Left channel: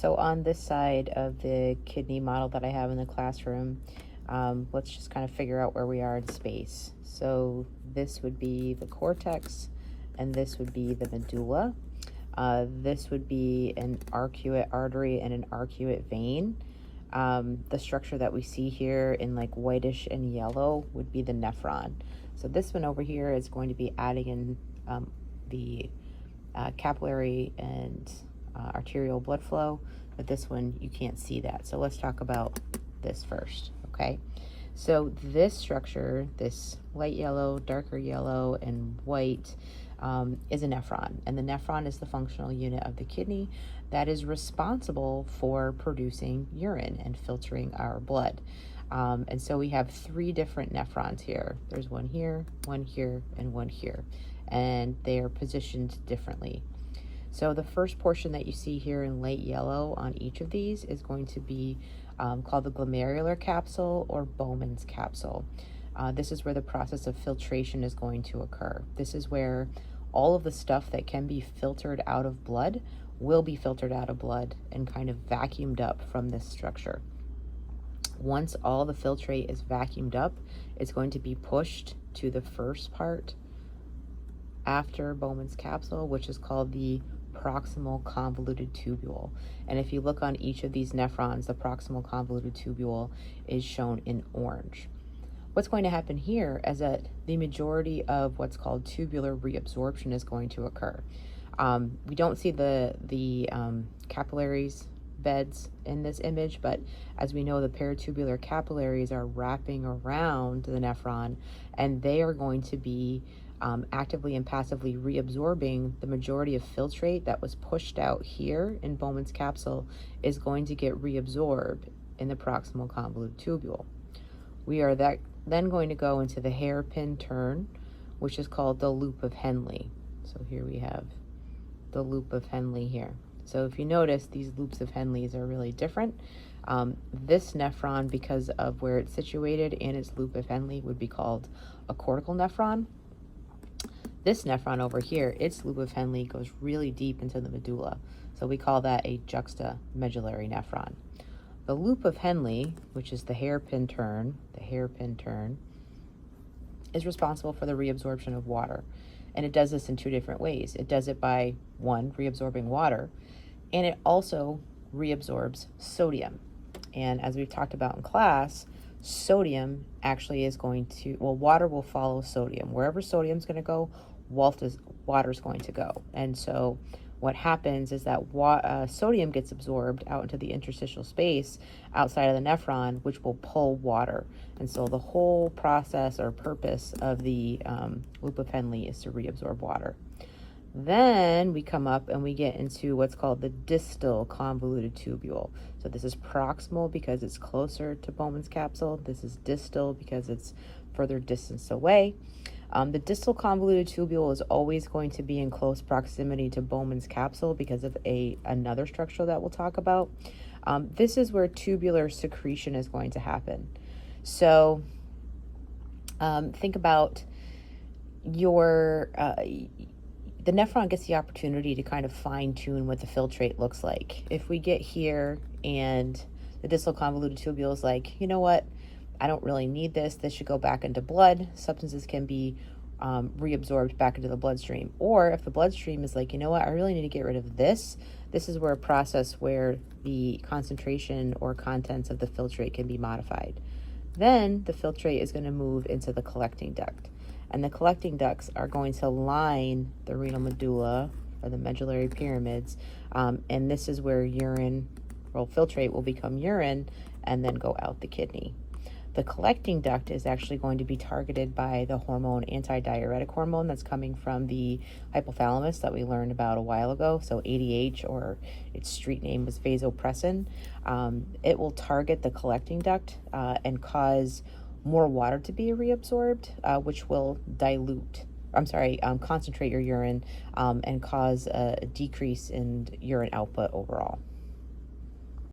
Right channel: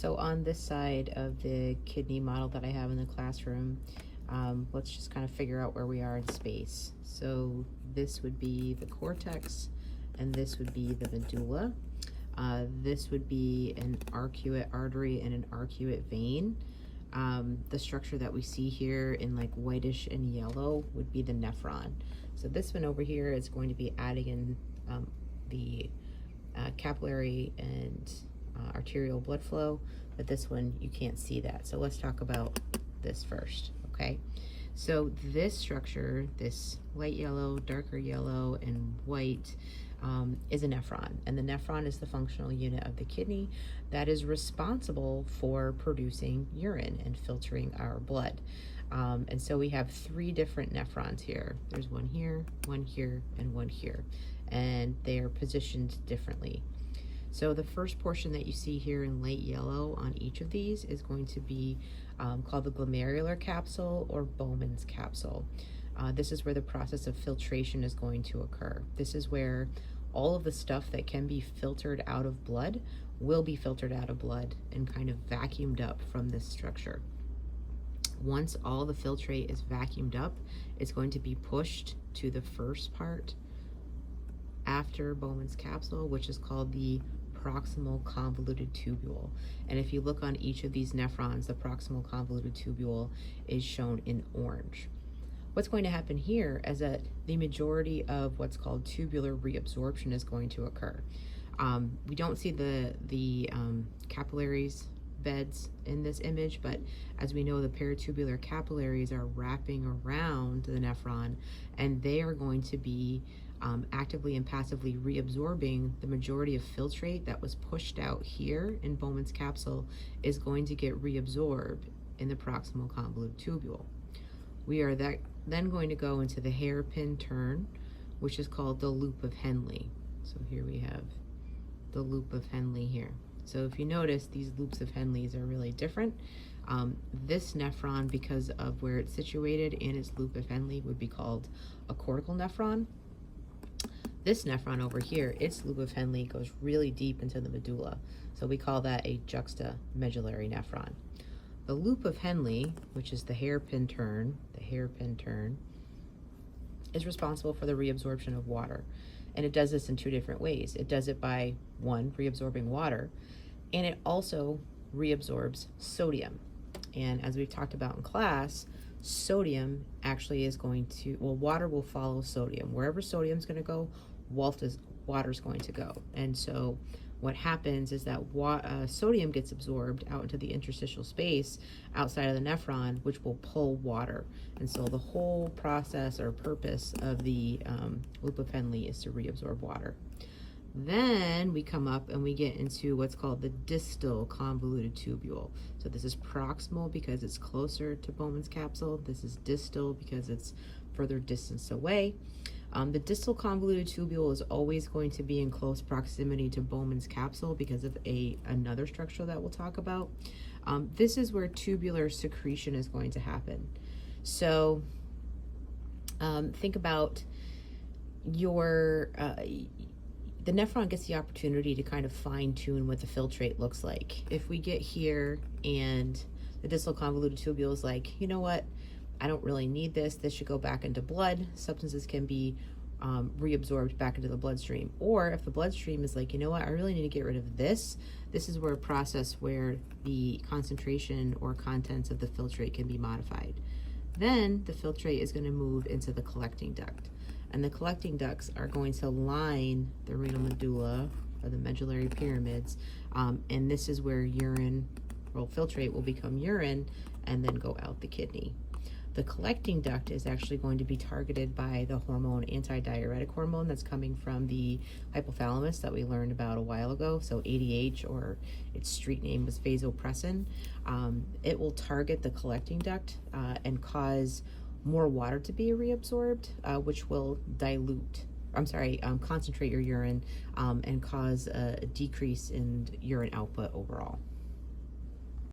So on this side of the kidney model that I have in the classroom, let's just kind of figure out where we are in space. So this would be the cortex, and this would be the medulla. This would be an arcuate artery and an arcuate vein. The structure that we see here in like whitish and yellow would be the nephron. So this one over here is going to be adding in the capillary and arterial blood flow, but this one you can't see that. So let's talk about this first, okay? So this structure, this light yellow, darker yellow, and white is a nephron, and the nephron is the functional unit of the kidney that is responsible for producing urine and filtering our blood. And so we have three different nephrons here. There's one here, and one here, and they are positioned differently. So the first portion that you see here in light yellow on each of these is going to be called the glomerular capsule or Bowman's capsule. This is where the process of filtration is going to occur. This is where all of the stuff that can be filtered out of blood will be filtered out of blood and kind of vacuumed up from this structure. Once all the filtrate is vacuumed up, it's going to be pushed to the first part after Bowman's capsule, which is called the proximal convoluted tubule. And if you look on each of these nephrons, the proximal convoluted tubule is shown in orange. What's going to happen here is that the majority of what's called tubular reabsorption is going to occur. We don't see the capillaries beds in this image, but as we know, the peritubular capillaries are wrapping around the nephron, and they are going to be actively and passively reabsorbing the majority of filtrate that was pushed out here in Bowman's capsule is going to get reabsorbed in the proximal convoluted tubule. We are then going to go into the hairpin turn, which is called the loop of Henle. So here we have the loop of Henle here. So if you notice, these loops of Henle's are really different. This nephron, because of where it's situated in its loop of Henle, would be called a cortical nephron. This nephron over here, its loop of Henle goes really deep into the medulla. So we call that a juxtamedullary nephron. The loop of Henle, which is the hairpin turn, is responsible for the reabsorption of water. And it does this in two different ways. It does it by, one, reabsorbing water, and it also reabsorbs sodium. And as we've talked about in class, sodium actually is going to, well, water will follow sodium. Wherever sodium is going to go, water is going to go. And so what happens is that sodium gets absorbed out into the interstitial space outside of the nephron, which will pull water. And so the whole process or purpose of the loop of Henle is to reabsorb water. Then we come up and we get into what's called the distal convoluted tubule. So this is proximal because it's closer to Bowman's capsule. This is distal because it's further distance away. The distal convoluted tubule is always going to be in close proximity to Bowman's capsule because of another structure that we'll talk about. This is where tubular secretion is going to happen. So think about the nephron gets the opportunity to kind of fine tune what the filtrate looks like. If we get here and the distal convoluted tubule is like, you know what, I don't really need this. This should go back into blood. Substances can be reabsorbed back into the bloodstream. Or if the bloodstream is like, you know what, I really need to get rid of this. This is where a process where the concentration or contents of the filtrate can be modified. Then the filtrate is going to move into the collecting duct. And the collecting ducts are going to line the renal medulla or the medullary pyramids. And this is where filtrate will become urine and then go out the kidney. The collecting duct is actually going to be targeted by the hormone, antidiuretic hormone that's coming from the hypothalamus that we learned about a while ago. So ADH, or its street name was vasopressin. It will target the collecting duct and cause more water to be reabsorbed, which will concentrate your urine and cause a decrease in urine output overall.